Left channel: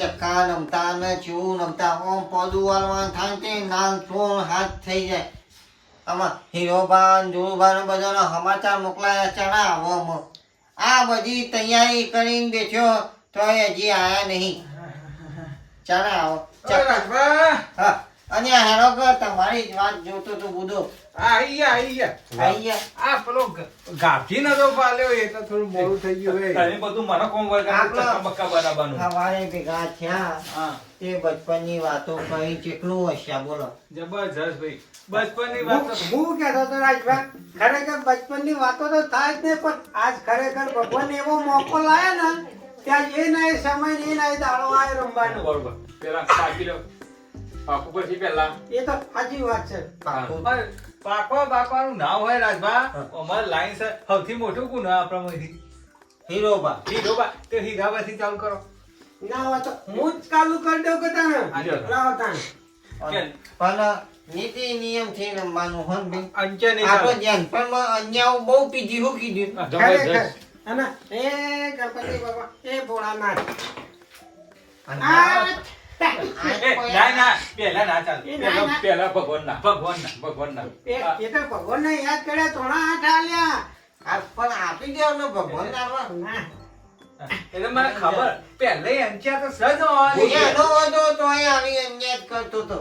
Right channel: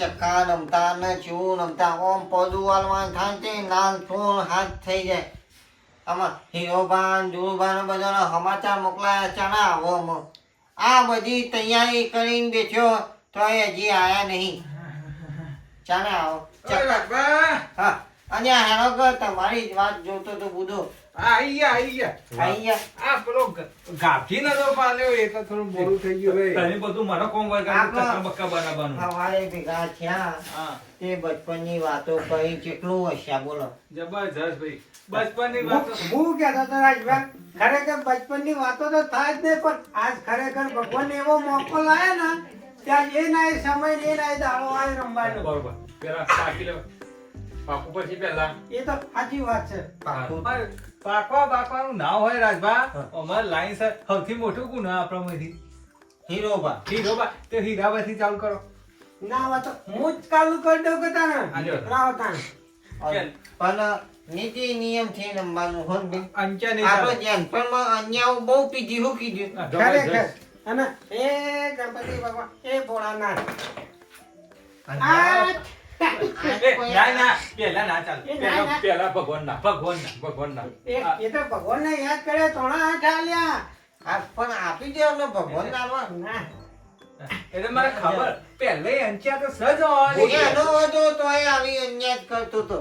ચક્કા નમતા ને ચેવું નમતા ઓમ પોદું વાળવાનું થાય ને તે નાન સોળ હાથ થઈ જાય. આમાં હીરોભાન ધુરુભાન બધાના સમાચાર મોકલાયા ચાના આવો આ બધી તૈયારી કરીને બેઠ્યો તો હજી આયા નહીં. ચાના આવો ચક્કા અને હેરો કે તમારી જ વાત જોતો તો બુધો આઈ ગયા આઈ ગયા. આઈ ગયા. આ પેલો ગાભી નતો પાલ્યો એટલે થોડું મોડું થઈ ગયું હે તમે બધું મને કોમ વર્ગ બક્કા બનાવવાનું સવારે ભેગા થયા હા. તે બચપનની વાતો કહી કેટલું હસ્યા બોલો. જબરજસ્ત ભાઈ. બચપનની વાત તો- હું કહેતો હતો રાજભાઈ ખરેખર બચપનની વાતો તો થાય જ નહીં પણ આજ ખરેખર ભગવાન એવો મોકો લાયા ને ત્યાં એ ના સમય એ ના દાડો આય રમવાનો. બરોબર. પેલા પાકી લો. પાકું પછી પેલા એ તો સાચી વાત છે પાકવા બાકવાનું ના હોય રાજભા. અમારે લાઈન સર સૌથી મોટું ગુણ આપણામાંથી હીરોબા હીરોબા તો હીરાબાથી ચાલુ કરો. ના હોય તો હું જ ચાલુ કરી દઉં કે તને? લાવો તને. પણ નીતિ નિયમથી રમવાનું હોન બી અંચા આપણે જેનપણમાં અન્યાઓ બહુ પીધી હું. કીધું અને એ ગણપતિ બાબા એ ભોળાનાથ. આ ના ના પેલા ના ચાલ. પેલા પેલા ભગવાન ના. ભગવાન ના ભગવાન ના એ તો ભગવાન ને યાદ કર્યા થોડા હાથ આલ્યા. પણ આપી દેવો ને ભગવાન ના એટલે મને ખબર પહેલે અંચા તો સજ છે. એનો વધો તોય આવી અન્યાય કરતો તો.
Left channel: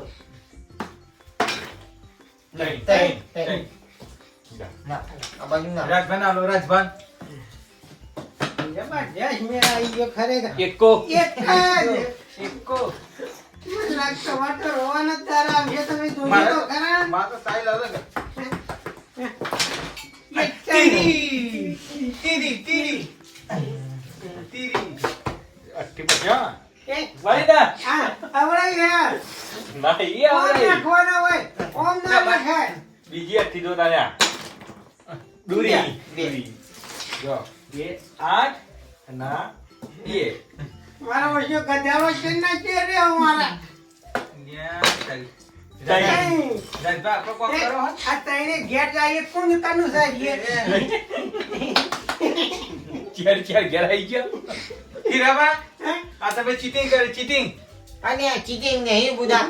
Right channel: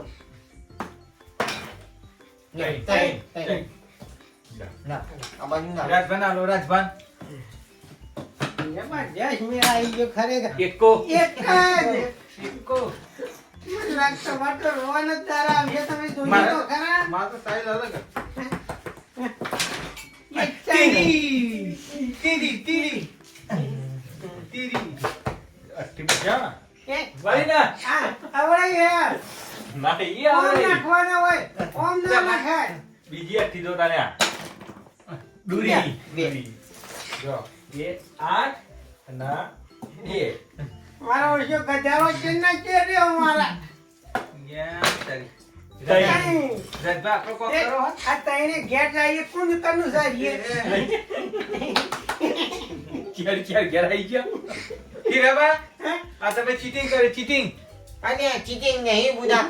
રાજભાન આલો રાજભાન. જબરજસ્ત મેળ આવી ગયો ખરેખર. એકો. એક જ એકો. લાગતો વાતો રોવાનો તમે જોજો તો ખરા માર તો સ્ટાઈલ અલગ તીરી. તીરી તીરી. તીરી. અઠી બજા એ, વળી ના આવડે યાર. ના ઈ ઓમ નાખવાનો હોય. ઓમ ના નખાય. બીજી અઠી દો તારે. દૂરી. દૂરી. જો. એ આઠ ના બે. મારા ઓછો ગધાડો છે ને છે રે અમારા. ચીટિંગ કરે ચીટિંગ અને cheating નહીં બુધા.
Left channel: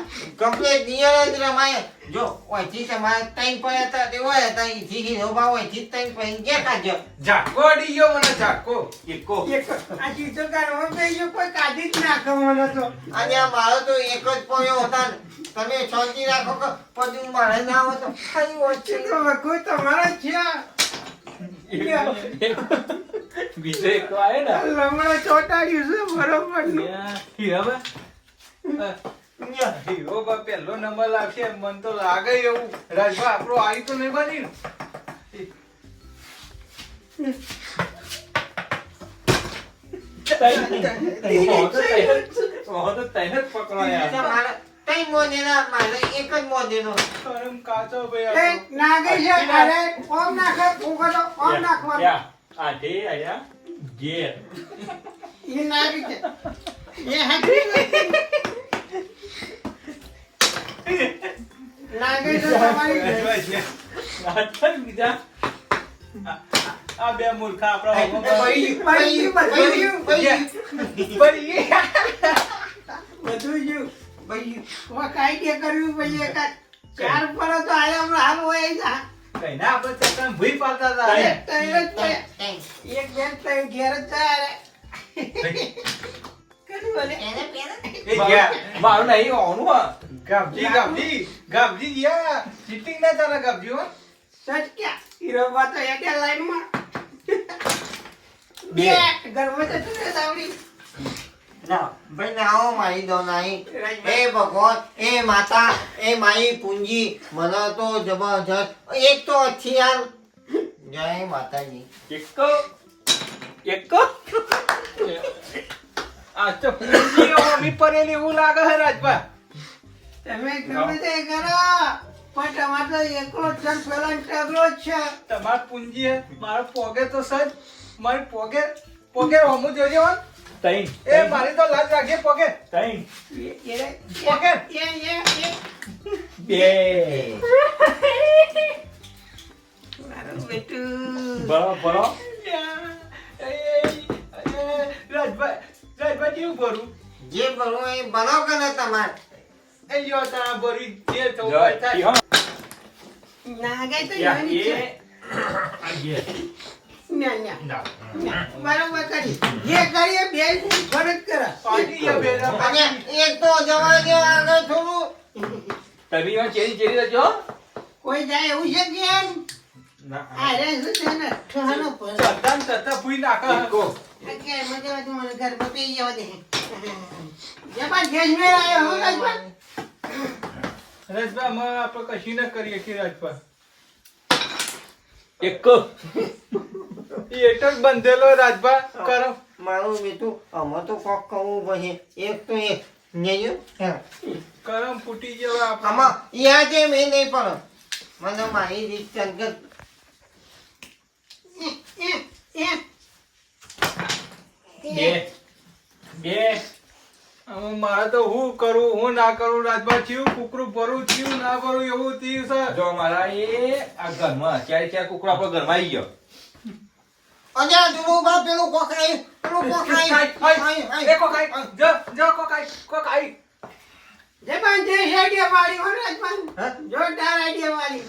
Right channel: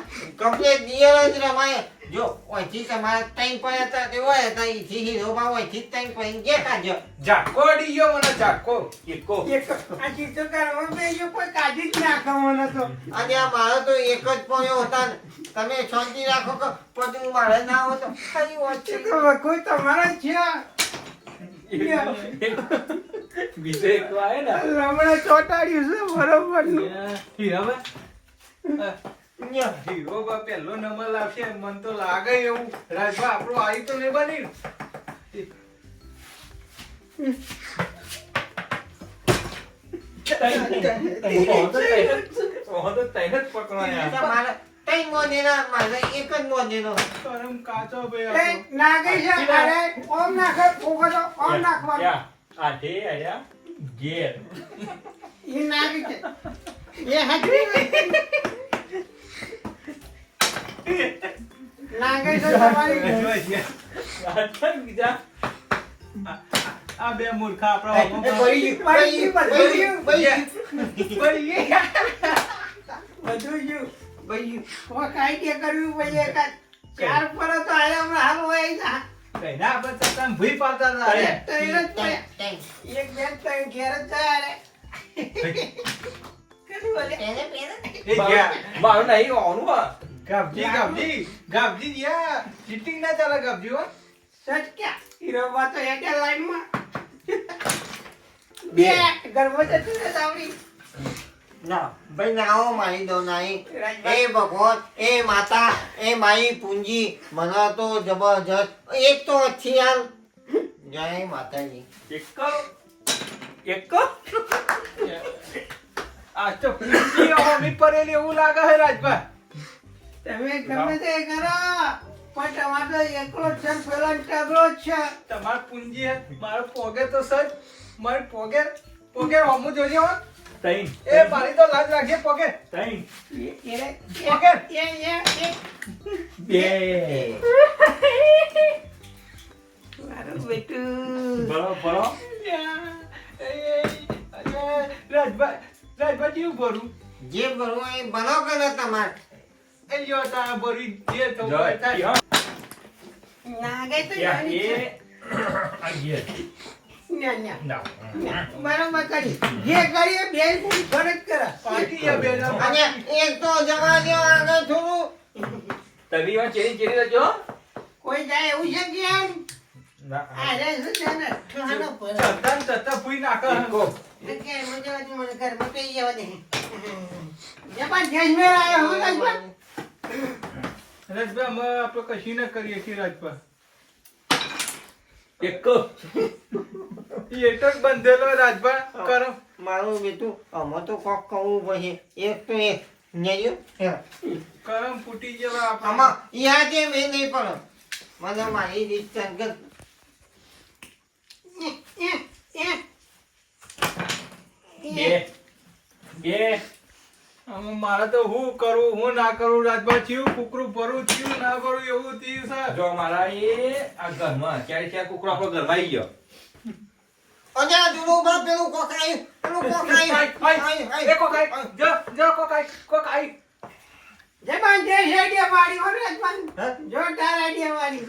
Real જ રમાય. જો, ઓયથી તમારે ત્રણ પડ્યા હતા તે હોય હતા, ઈથી હીરોબા ઓયથી ત્રણ પડીને ગયા કાઢજો. ઝાકો અડી ગયો મને ઝાકો એકો એક આ ચીજો કાઢવામાં તો એ કોઈ કાઢી જ નાખવાનો તો અને આ મારો તો એક જ પડ્યો હતા. તમે શાંતિ રાખો કે પછી મારે ના હોય તો ખાલી ઓછી. તો વખો તમારા જ છે બીજો એક આવે ને લમણે ચોટાડ્યું છે બરોબરનું. હીરો નંબર લાગશે મન તો લાગે એવું રાજભા આપણો આવી તો નહીં બની નાગે છે અરે ઓમ નાખે ફૂંકો તો ઓમ નાખવાનું ક્યાં? આઠે આયા ઘેર એ નાગે છે એ હાથી નાગે છે તમારી બીજા આ બે મૂર્ખા આપણા પડી ગયું, પડી પડી પડી બધું ગયું પડી હવે કાંઈ કે કરવું પછી એકાદ ચાર પર તો આરે હમણાં હાલ હોય જા કઈના આપણે તો તમે ભૂઈ પાડતા હતા એક ત્રણ જ પડ્યા. ત્રણ. એક બે ત્રણ ઘેર જ જાય રે કશું બોલે એને પહેરે? એ ગયા મારું નહીં ઓનું ગબજી ગાબજી ગાબજી ચીટિંગ ના ચાલે ગબજી હો. સચ ક્યાં હીરોબા તો એકે લાઈનમાં. બે. બે ગર્ભ જતું રહે સાવડી. ના, ભાઈ નાઓ મારી દો નાઈ. એ ભગવાન એ માતા એ માઈ પૂંજી મને તો જબરજસ્ત. એક તો અચ્છી યાર જય માતાજી. એકો એકો આ તો પૂંજી હોમી પડેલી એવું લાગે હે રાજભા. તમે ગમે તે કરો પણ તમારે એકલો છે પેલો ટગરો છે. તમાર પૂંજી હે મારો પોગે તો સજ મારી પોગે પોગે હમુ જોજો હો. તૈન એ મારી તો લાજ લાગે પોગે. તઈ એ- પોગે. એ- એ- એ- બે. મારું બેટું. બરો બરો રાજભાઈ રાજભાઈ રાજભા રાજભા કેવું ભરું? જે ભરવું એ ભરો કે ને તમારે? લ્યો તારા ભરી જે તો જો, પચાસ. ઈ હા. નાગે તો. એ ન્યા, ના. ન્યા. બરોબર કરી જે કરીએ બે ફરજ કરે. પાકી ગયા બે ના અને. એક તો જવા દો આગળ થોડું તમે એમાં ચેરી ચેરી રહેજો કોઈ જાય એવું છે કે એમ? ના. આ રે છે ને? ઠહાનો પર ચત્તા તતા પૂઈ ફૂઈ કો કે મને મને ઘર પી જવા દે. જબા જજમેર આયો હો રાજબા અમે આપણે કશી ના કરીએ કે રાજભા. એક. એ જ બંધેલો રાજભા કરો. મારું બેટું અમે તો કોક કહું પછી એક તો એક નેજો કરમ ફૂટી જેવા આમાં યા જે મેં નહીં પણ મને મારી રીત સંગત. બે બે. મારે તો હું કરું હું ના કરું રાજભા થયું કુકરું ભરું થયું ના ભરું એવું થયું છે જો મારા એ આ ઘરમાં ક્યારે ચાર કુકરો આપણો ઘરમાં આવી ગયો. અને આ જુનું બાપ પેલું કોક આવ્યું પેલું કોક આવ્યું આવ્યું, આવ્યું. એ કોકાઈ જો જો કોકાઈ કોકાઈ જબા જે હેડિયા વાળી હો રાજભાન હા? જોરદાર આઈડિયા વાળી.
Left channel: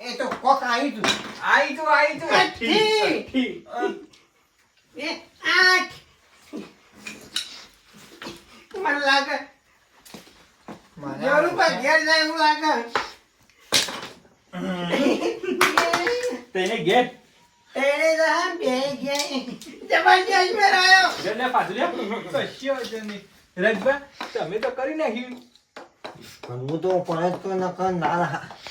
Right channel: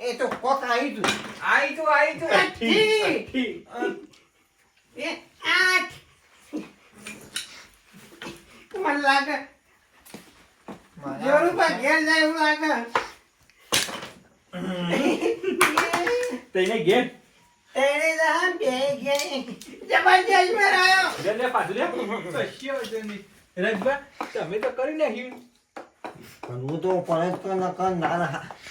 એ તો કોક આવી તું આવી તું આઈ તું અઠી એ આઠ. મને લાગે. જરૂર પર ઘેર જાય એવું લાગે. તેને ઘેર? તેને રહા બે ગયા જબરજસ્ત મે આયો. જને પાછળ લે. જની વાંધો તમે તો કરી નાખ્યું. પણ હું તો પરત તો ન ના નાલ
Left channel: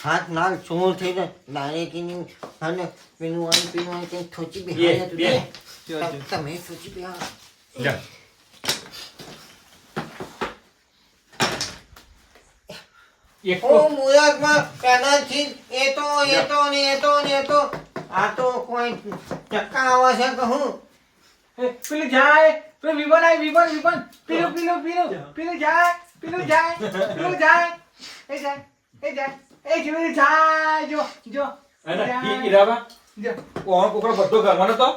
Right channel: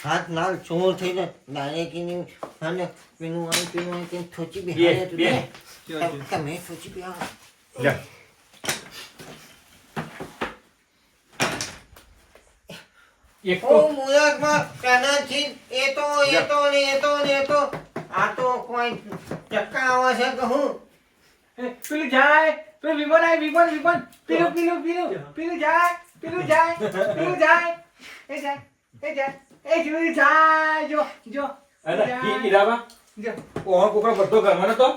હાથ નાલ ચોર થઈને ડાયરેક્ટની અને પેલું આવી પેલું થોચી બે, બેહાડ્યા તું બે. તે. તમ- તમે થોચી એક મુરતમાં પહેલાથી એ તો એ તો ને એ તો ને એ તો. આ તો કોઈ ચક્કા આવે છે કે હું? પેલું જાય. પેલું વિમન આય વિમન વિમન. પેલું પેલું પેલું. પેલું જાય પેલું જાય પેલું જાય. એ જાય એ જાય એ જાય. જો જો. ઈરાબા ઓહો કુકરો બધો ઘરમાં નતો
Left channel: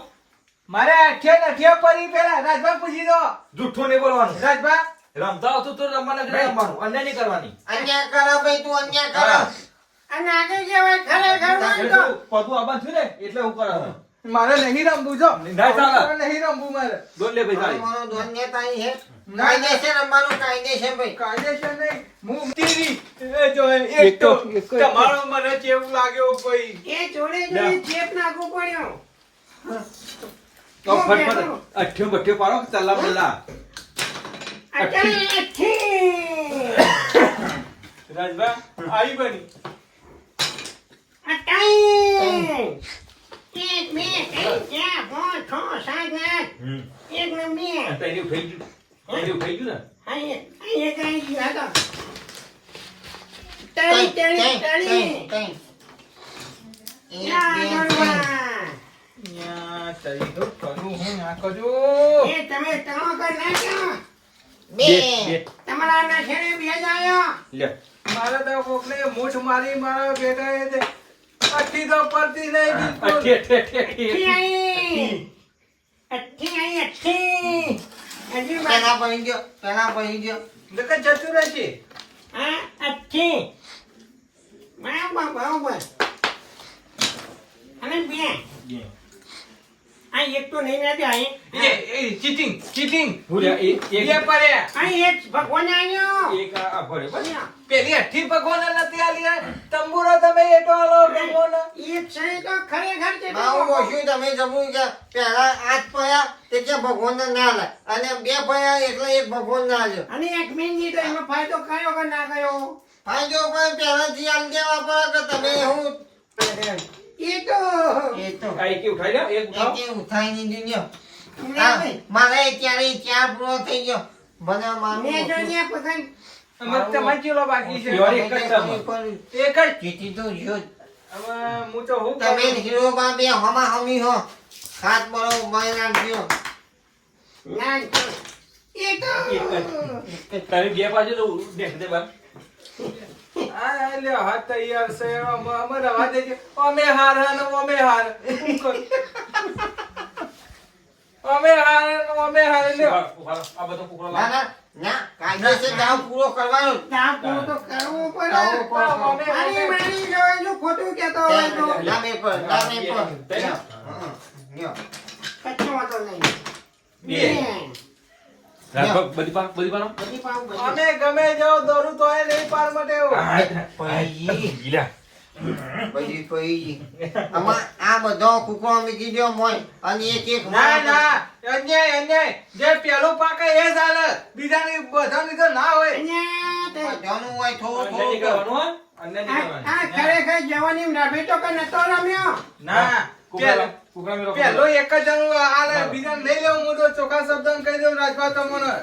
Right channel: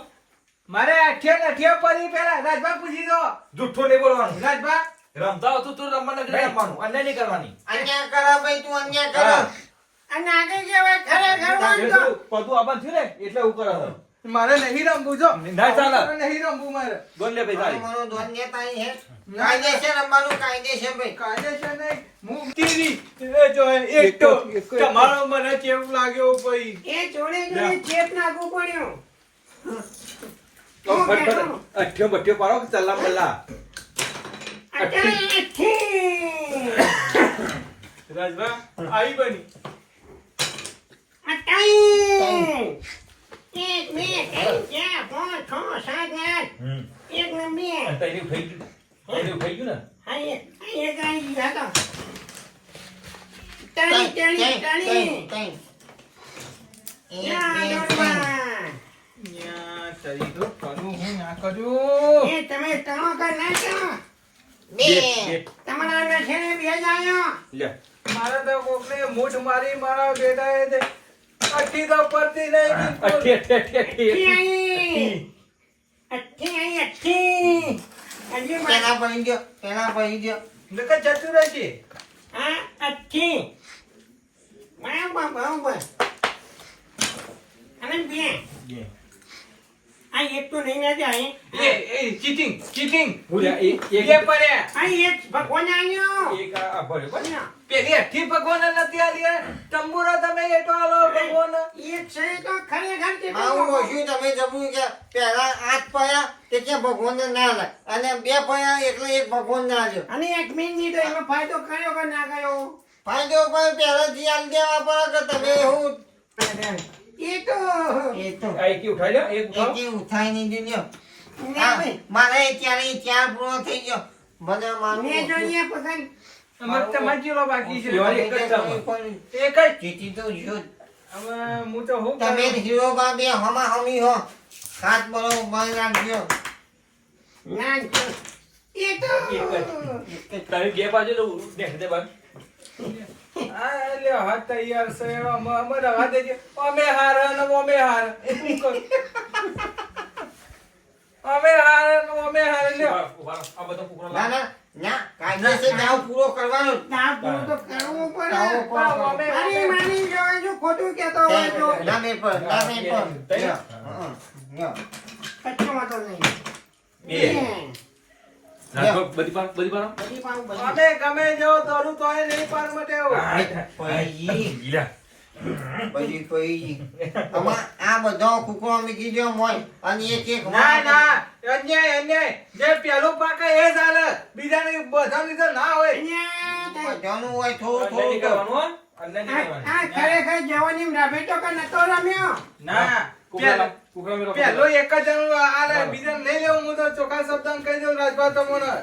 મારે અઠિયા અઠિયા પડી પેલા રાજભા પૂછી દો. જુઠ્ઠું નહીં બોલવાનું. રાજભા રમતા હતું તો રમવા કે રમવાનું. અન્ય નહીં કરવાની. અન્ય કરો ભાઈ તું અન્ય કરો. અને આગળ કહેવાય ખરેખર પોતું આબાદ થયું ને એટલે કરે છે. મારે નહીં રમવું જો. નહીં રમવું મારે. દોડ લે ભાઈ મારો કાયદેસર રમવાનું કાયદેસર ભાઈ. કાયદેસર નહીં. હું તીરી એ જો એક તો તમારો મને કેવું લાગ્યો ભાઈ. એ જોડે જોડે ચેપ નાખવો પડ્યો. અઠ્યો બઠ્યો પાડો અત્યારે અઠી રાજભા આવી બની એક બે ત્રણ ચાર પાંચ છ સાત આઠ એક નંબર તૈયારી થઈ ગયું તૈયારી થઈ ગયું ને અહીં એક આવી હું કર નાખ્યો. બે તમારા લે. મારે તો કોકને મૂઠ મારી મારા બેટા એ અઠી તો પડતી નહીં બિલકુલ. અઠી અઠી અઠી અઠી બા- પેલા પડી ગયો પેલા પડી ગયો નકર જતું રહેશે. આ અઠી બરાબર બરાબર. અને બે. બે. આ એક તો નહીં નથી અહીં. એ એ ચીટિંગ ચીટિંગ ભૂલ્યા, એ- એ પડે. પડ્યા અહીં એક ભગવાન આયો એક આ પડે બસ. પેલી અઠી ભગવાન નથી આલી તંબુરો તમે એટો આલો ભગવાન એ છે તો ખરેખર છે આવું કહ્યું તમે જબું કે પહેલા આઠ પયા તે કે ભગવાન ના લે અને બે પયા એટલે એક ભગવાન ના લ્યો અને એક મિનિટ એમાં ફાયદો કયો કે ના કયો? ફાયદો પણ પહેલાથી આલ દેવા પડે કે તમે હું એ તો. એ તો આ ઉઠાઈ લો એક ઉઠાવો. એકે ઉઠાઈ નહીં દીધો મારે ત્યારે ત્યાં પૂરો થઈ ગયો. બધા મેં મારું જોઈએ પસંદ અમે તમારે બાકી છે? એક જ એક જ? જીતી તો જો હું તો હું તમે હીરો બા બે હમા હમી હો હાથ બરોબર રાખજો. ના એ તો તારી બે બાજુ તો દેખ દે બાર. કરવાનો જ. ના, પૂરું તો કરવું પડે. કરવું પડે. મારી મારી જો જો ખોટું કહેતો હોય તો નામે પર નામે પર લ્યો. હં, લ્યો. કચ્છો નહીં. બે. બધી પાર બધી પાર બધી પાઉં બધી. અમે ગમે જાઓ દોરું તો નહીં પાર માટે ગીલા પછી પૈજી આમાં આ બધો કુકડો મૂકી દ્યો મોય. અને એક એક ના ના અન્યાય અન્યાય. જે પેલું પાકે એ ચાલે બીજાની બધા તો ના હોય. અહીંયા હોય થોડું થોડું કરવાનું હો. આ ખરેખર જવાની રમેતો કે નતો રમ્યો? ના. પેલો એક જ જણું આ બીજા નહીં લેવું હું તો ચોખ્ખા શબ્દ કહી દઉં રાજભા તમને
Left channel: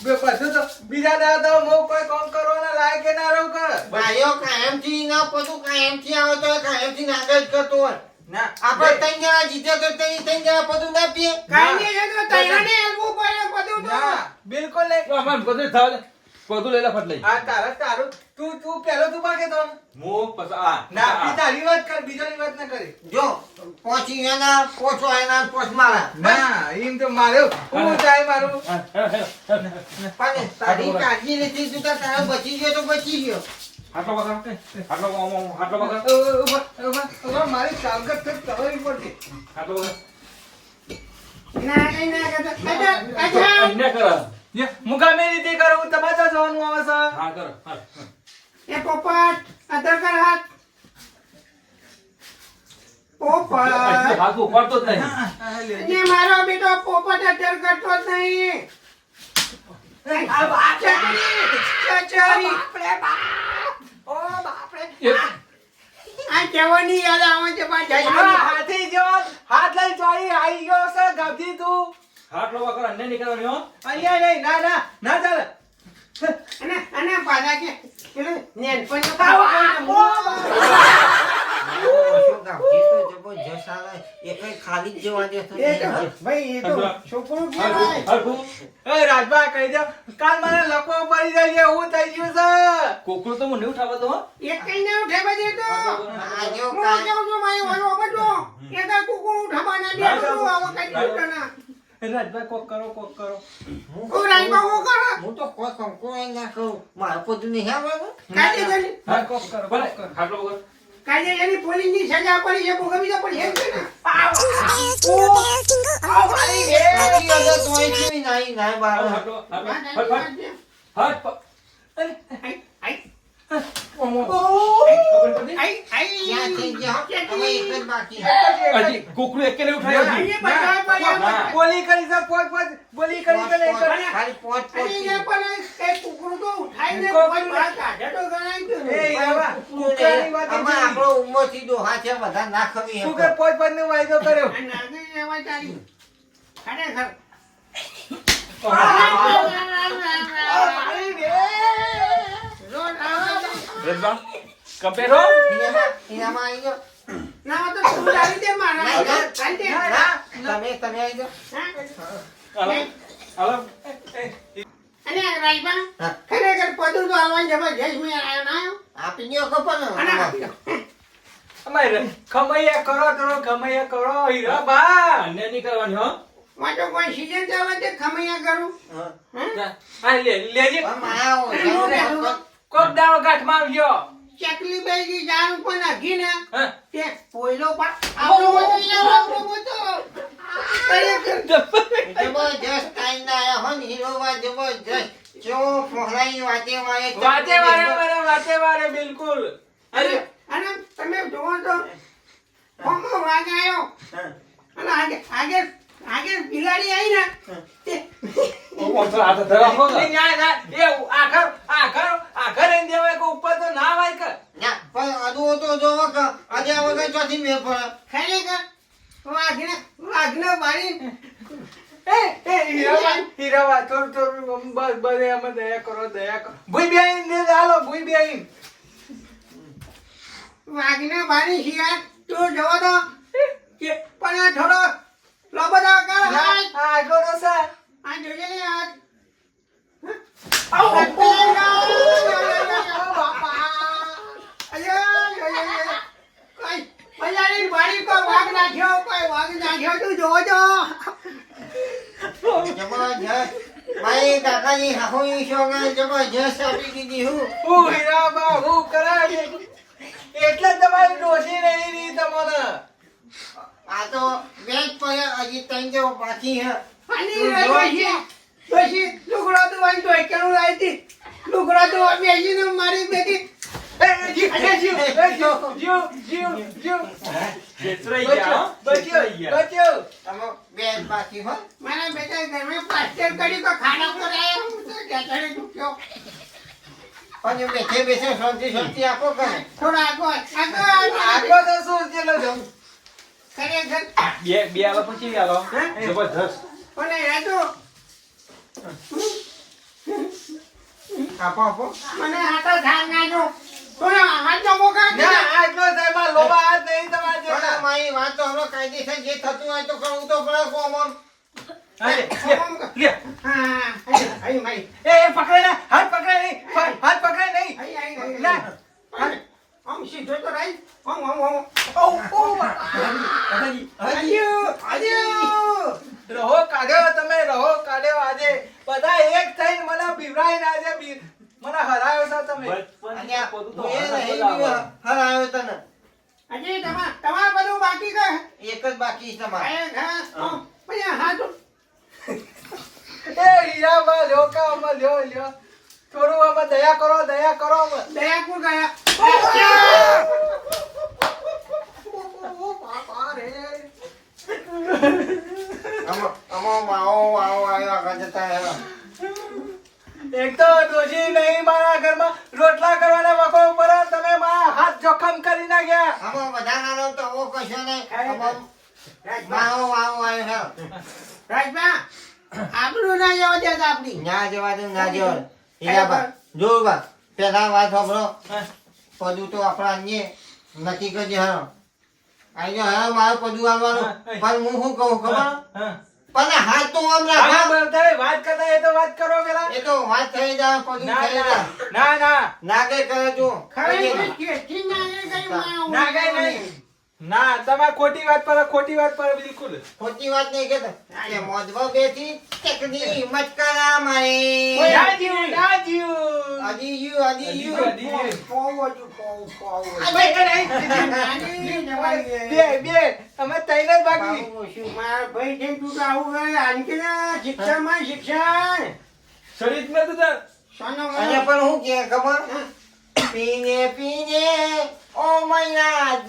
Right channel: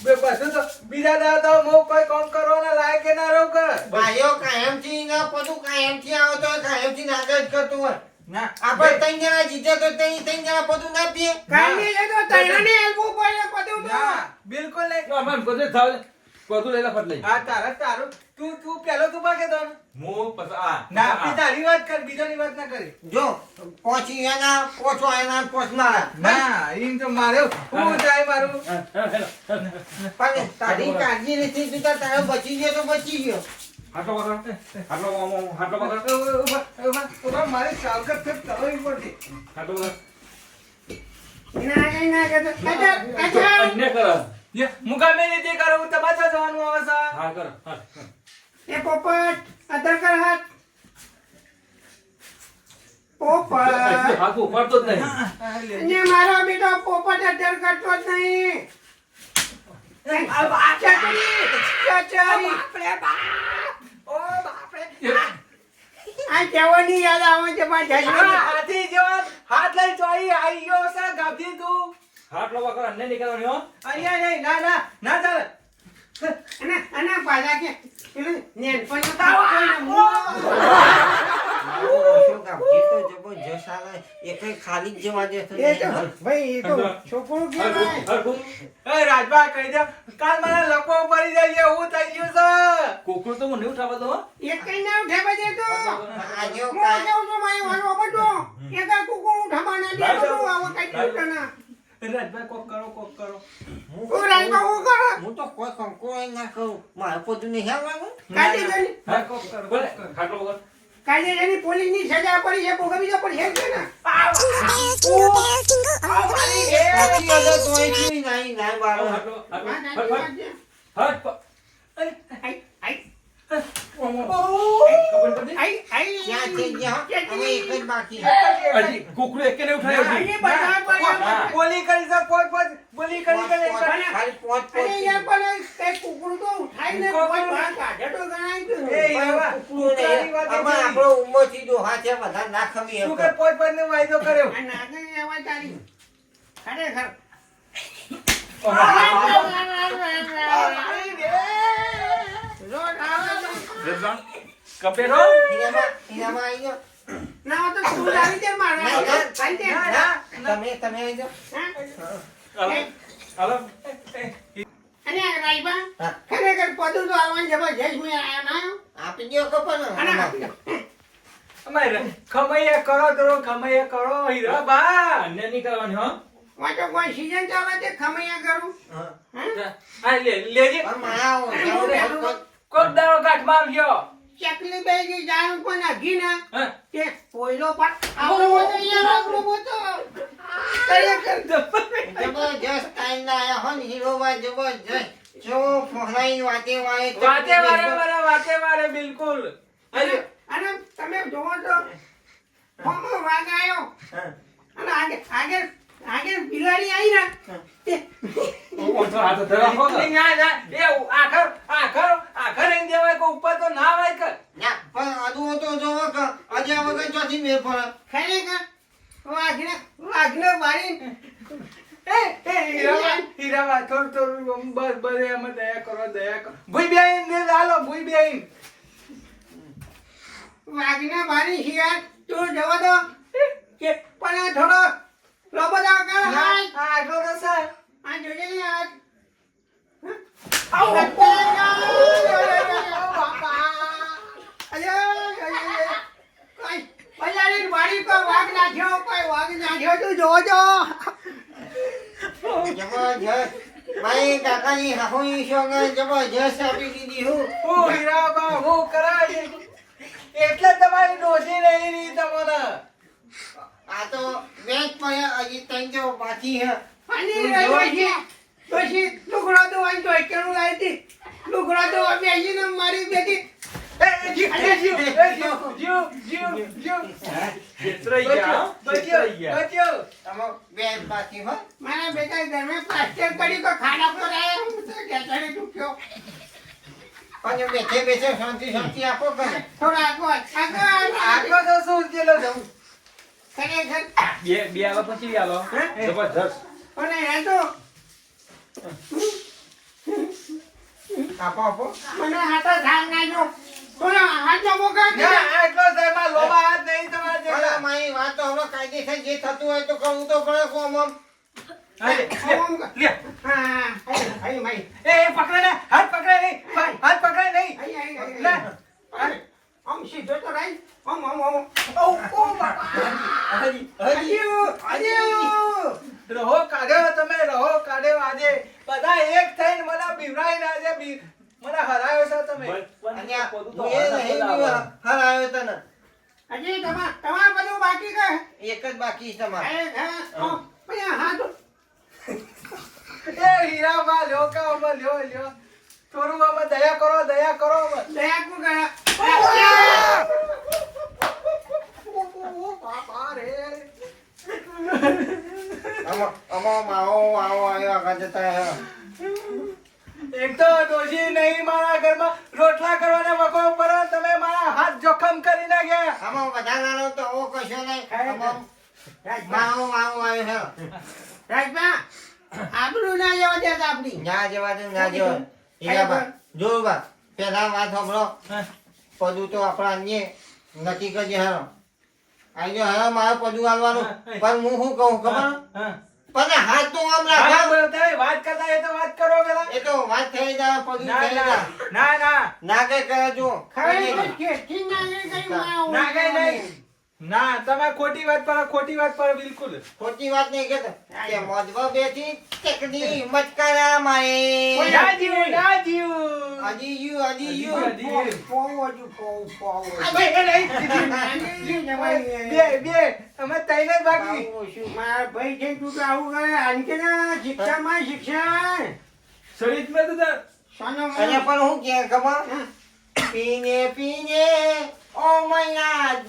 બે બધું તો બીજા દાદા હું કોઈ કામ કરવાના લાયક ના રહું કરે ભાઈઓ કાયમથી ના પતું કાયમથી આવે તો કાયમથી ના આગળ જ કરતો હોય. ના. આપણે ત્રણ જણા જીતે તો ત્રણ ત્રણ જણા પતું ના પીએ. કાંઈ નહીં તો તૈયારી તો. બિલકુલ નહીં. થાવ બધું લઈ લે ફટ લઈ. આ તારા તારું તું તું પેલો તું માગે તો. હું પસા ના બી તારી વાત કર બીજાની વાત ના કરે. જો પોચી એના પોચો એના પોચ મારા. ના એમ તો મારે? હું તારે મારું પણ તારી કાળજી નથી તું તારો બચી ગયો તો બચી ગયો. હાટલો પકડ હાટલો આમ, હાટલો પકડ ઊભા, ઊભા, ઊભા, ઊભા, મારી સાવગત થઈ કરવી પડશે હાટલો પકડ ના ના કહેતો. અચ્છા, અચ્છા. અન્ય કર. હું ગમે રીતે કરું તમાચા જવાનું આવે છે. હા કર હા એ પોપટ અધર કર હાથ. પોપટ. જ નહીં. મારો બેટો અધર કરતો જ નહીં. હાથ લઈ ચોરી આવી ગયો છે ગભી તું. હાટલો પકડ અન્ને નહીં કરવાનું હો. અહીંયા નહીં ના ના ના ચાલે. અને અને પાછા કે નેન પણ તો એ તો દે મને લકો પડી જાય એવું થઈ ગયું છે. કોકરું તો મને ઉઠાવતો તો હો. એક કઈ ના ઉઠે બધી તો. આ જો હું કાંઈ- કેવું છું ભાઈ બધો. એક આ કુકુ ના દે આવો કઈ દુઃખ ના કોક કરો કોક કરો. હું રાઈ હું કરો હું તો કોઈ કંકોઈ ના કરું મારું બધું નહીં આવવાનું કાજે જની હા કોક કરો કોક કરો. હાટલો પકડ કાજે જની પોલીસની સજા પડી છે ભોગવી તો પડી છે ને? હટ હટ હવે એક. બધા બધા- બોલી કરી પોત બોલી કરી કે નહીં કરી ખાલી પોચ પોચ અહીંયા પણ એ કુકડું તો ઉઠાઈને કોઈ બહાર કાઢે તો ગણાય એ ઈરાવા, કુકરાની વાત હવે આપણો ઉંમરથી ડોહા છે બધા ના ખવી કે નો વાયદો કર્યો ચાલી. ખરેખર. છે. કપે ગયો. ના તો તું લાવી દે મારા ના, ના. કાંઈ દે. ના, તમે તમે આઈ જાઓ. હાલો હાલો અને રાઈબા, ખરેખર પદું તો આવવાની જબરજસ્ત મેં આ ના આપી દ્યો કપો અને આપી દો. અમારે ખમૈયા કરો તો ખમૈયા કરો હીરો બા અન્ય નહીં કરવાની હો માં કોઈ ચાલે તે ખમૈયા કરું. હા. હા? લે મારા પેલું કોક દાડો ગાંઠમાં આવજો. ચકલી બેગી જાણ પણ અઘી ના તે પોઈલો પણ આવડો બધો યાર આવડો અરે કર જબરજસ્ત ટાઈમ ના આયા હો ને હીરોવા જબરજસ્ત. જો ફોહરાઈ વાતે વાળે વાતે વારે મને વાતે વારે બિલકુલ. અરે અને તમે જોવો તો. ફોમો વાગાયો આવ્યો અને આગે આગે આગે બિલાડી આવી ના. એ આખર આખર આખર એમ દેવાય કે ઉપર તો ના હોય કે ના. પણ અદુઓ તો જોવો કે આ વગર ચોથી મેળ પડે. ખરેખર? વાઘને આગને મારી એ એ હીરાવા હીરાવા થોડું થોડું બસ બસ એમ દયા કરો દયા કરો. ભૂઈ બેહીન ને ચાલો ભૂઈ બેહીન. વાઘને મારી શિયાળ તો જવા દો કે પણ આ થોડો લોબડા કર આ હાથ. આટલો તો છે. આ ને હાથ એટલે તમારી ડોસી રહી રહી તમને આ તો મેચ પણ હજી ત્રણ બાકી હે અને લુગડા તો વાંચો એકલું લાવી હતી. લુગડા તો બે બાકી હોય મારા બેટા પણ બેઠે બેઠે શાંતિ શાંતિ આપો કરે થોડા આગળ આગળ આખો તો શું થયેલો છે? ખરેખર બે બે આવા પછી આલો. હે? જબરજસ્ત. અને એ તો આપો આપો. મને હાથો થાક નાખ્યો હાથ ના, આટલો સાહેબ, આ હાથ નહીં તમારા પણ જેટલા. મારી વાત તો હમણાં કાયદેસર જે થતું હોય તો કરવું તો પડે કોમ આમ. હાથ પકડાય નહીં, હાથ પકડાય નહીં. આમ સીધો તો નહીં આમ આમ આમ ઓ, ઓ, બાપા. અજ્યો અજ્યો રહો કાઢ્યો તમે રહો કાઢ્યો આજે બધા એક થઈને મને બીવડાઈને આજે મને હરાયો છો તમે અને આ હું એ નહીં બી હરાવ્યો તને અજય તમા તમાર બધું બાકી કે એક જ બાકી છે તમારે પછી હાથ એ કે આમાં લ્યો લ્યો થોડું બાબા દયા કરો દયા કરો દયા કુ ગયા આવો આવો. એક તો ડોશી નહીં મારા ઘરમાં રોટલા કરવાના વખો પડે તમે મારા હાથ જોખમ કરી નાખ્યા. આમાં વધારાનો તો ઓ કશો નહીં. માવો માવો આવ્યો છે રાજભા આપણું ના જવા દેતા આપણી. ન્યા જવા દઉં ના જવા. હીરાબા, જોર બા પેલા વાત સાંભળો. પદું તો આપણા અન્ય નક્કી કરજે હા આજો હા મારે પદું આવવાનું પણ હું શું કહું ખબર? પણ હાથ તો આમ હા, રાખ. વાત કરતા એ તો વાત કરો પેલા. એ તો વાત થઈ જાય પદું થઈ જાય. ના ના. ના કઈ કરે જો. કરી. મારા ના કઈ નહીં. ના તમે ખોટી વાત પર ખોટી વાત પર બિલકુલ. ખોટી વાત નહીં કહેતા. કે મોજવા બેઠી ટેકડી હિંમત કરા મારે. રાજીવ રાજીવ. અજી યુ અજી યુ હજી અજુ પોવું અબે પોવું. આ ભાઈ કે નહીં? નાની જવાય બે બે. અમે તૈને બાકી મારા ભાઈ જેમ તું તો આવું કરે? અંકના શિક્ષણમાં શિક્ષણ શરીર મે તું સોનો અને પણ હું કે ખબર? પીને પીને. ઓ મૈયા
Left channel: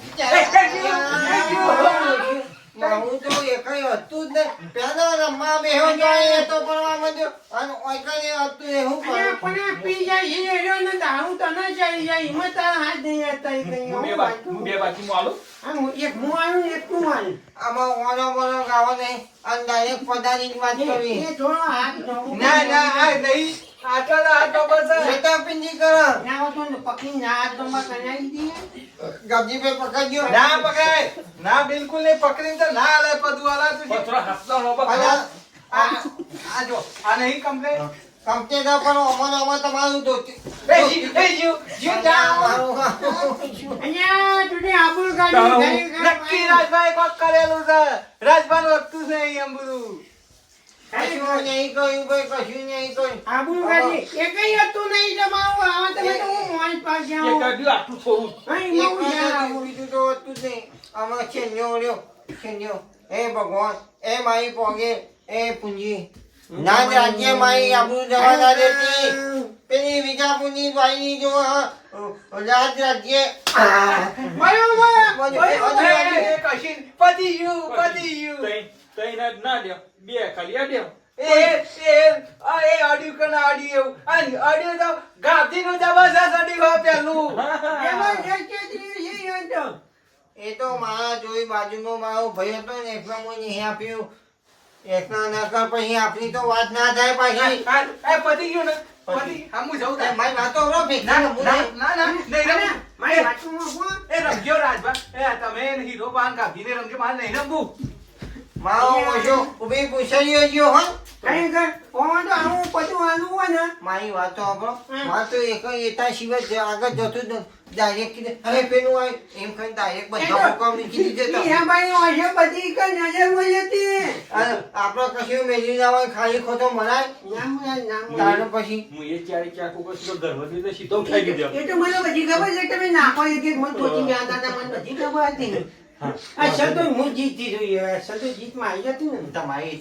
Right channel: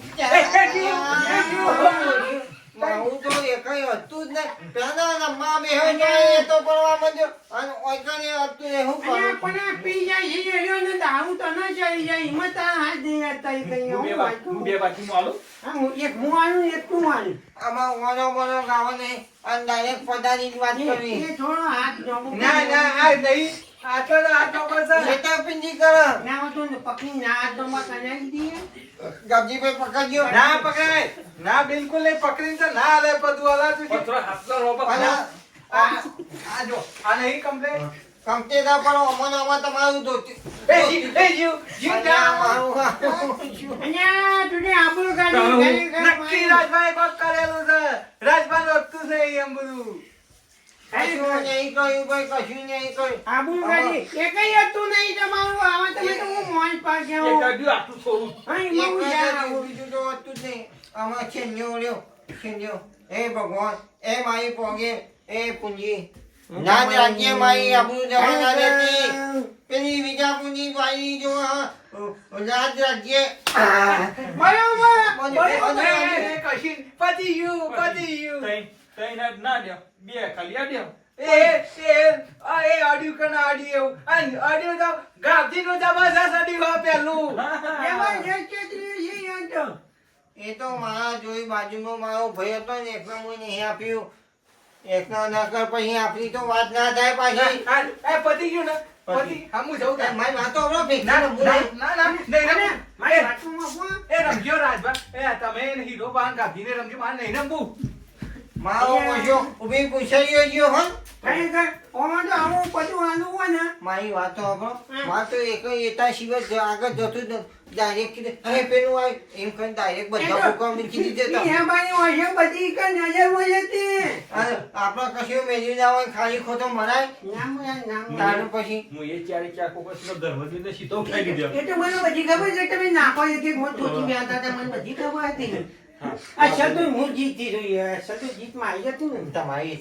હું તો એકઈ હતું જ ને પેલા રમવા બેહો તો એ તો કરવા માંડ્યો. અને ઓયકઈ હતું એ હું કરું? પણ પી જાય છે એનો ને દાઉ તો ન જાય જાય હિંમત તારા હાથ નહીં હતા એ કઈ હું બે બાકી બાકી હું એક હું આવું એક તું આવું આમાં ઓનો બોનો ગાવો નહીં. અને ડાયરેક્ટ પદાની વાત કરવી. એ થોડો હાથ ના ના આ નહીં. ના બિલકુલ નહીં. ના હાલે બધું આ નહીં ના કરો અમને તમારું રાજભાઈ કોક કરેલું છે. રાજભાઈ વખતું છે એમ બધું. એ ભગવાન એ મારી પોગે એ પૂંજી. ના રાજ્ય મારી આબરૂ જવા ના દેતી પેલી બીજા પૂંજી ભાઈ જો રાજ રાજ્ય. પતી ગયું પતી તઈ જ ના દે બે ખાલી આ દે એ એ આ એ ઓડિયો કણ ઓડિયો આ ઓડિયો તો ગાંધીનું જબરજસ્ત ઓડિયો પેલું. એમાં જે કે છે યાર તો એ તો માં જોઈ બાજુમાં મારો ભાઈ હતો ને એકને મને નહીં આપ્યું. એકના ના કર પછી આપણી તો વાત ના થાય પાછી. એ પતી ગયું ને પતી. હા જવું થાય એ. મારી વાતો હમણાં ભી ના હું ના. ના ના નહીં રમે. મારી વાતમાં કોણ એ રમજો રાજભા. એ તમે હીરો બાન ગાંધીને રમજો મારે નહીં રમવું. મારો ઓછો ગયો હોય ખરેખર ઓમાં તો આવું બધું આનું હોય ને મારી વાત તો સાંભળો. તો એક એતા સિવાય આગળ જતું જ નથી. Direct "અરે પેલું હોય." એમ કહીને direct બધા હુકમ કીધી દેતા. એ ભાઈ હોય બધી કઈ નજરમાં જતી અને આપણે કશું મેળવી ના હોય ખાલી ખોટો મરાય તારે પછી હું એ ચારે નો ધર્મ સીધો દીધો એ તો મને બધી ખબર છે કે તમે નાખો એક એક મન ટોચી ગયા હતા મને બધી ખબર હતી આ શબ્દો હું જીતતી જોઈએ. શબ્દો જીતમાં આવી જતી ને. તમારી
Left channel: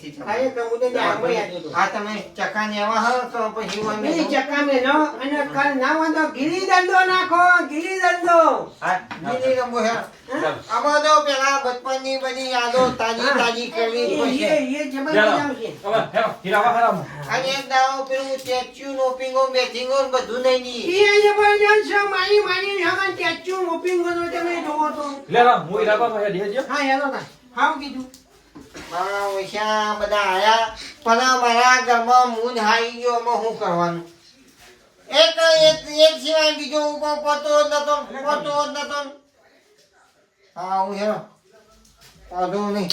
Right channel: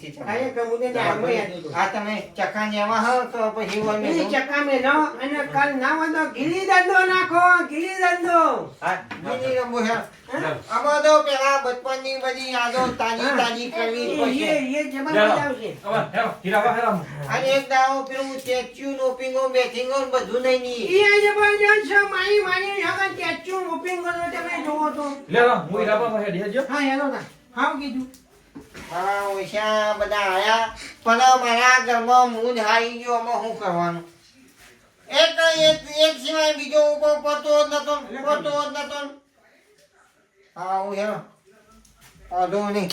આ તમે ચક્કા હો તો પછી હોય ચક્કા મેં નો અને કાલ ના હોય ગીલી દંડો નાખો ગીલી દંડો. હા ગીલી રમો છે. હા? આ પેલા બચપનની બધી યાદો તાજી તાજી કરવી પડશે. એ- એ જબરદસ્ત આવશે. હવે હીરાવા હેરામ અને એક દાવો પેલું સ્ટેચ્યુ નો પિંગો બેઠિંગો બધું નહીં ની એ જબરદસ્ત મારી મારી હગન સ્ટેચ્યુ મોપિંગ કરો તમે જોવો તો. લેવા હું હીરાવા હેડ હેજો હા હેલો ના. હાવ કીધું. મારા ઓછા બધા આયા. પણ મારા ઘરમાં મૂંઝ હારી ગયો એમાં શું કરવાનું? એક એક એક સિવાય બીજો ઊભો પતો નતો પતો નતો. હા હું હેરો વાંધો નહીં.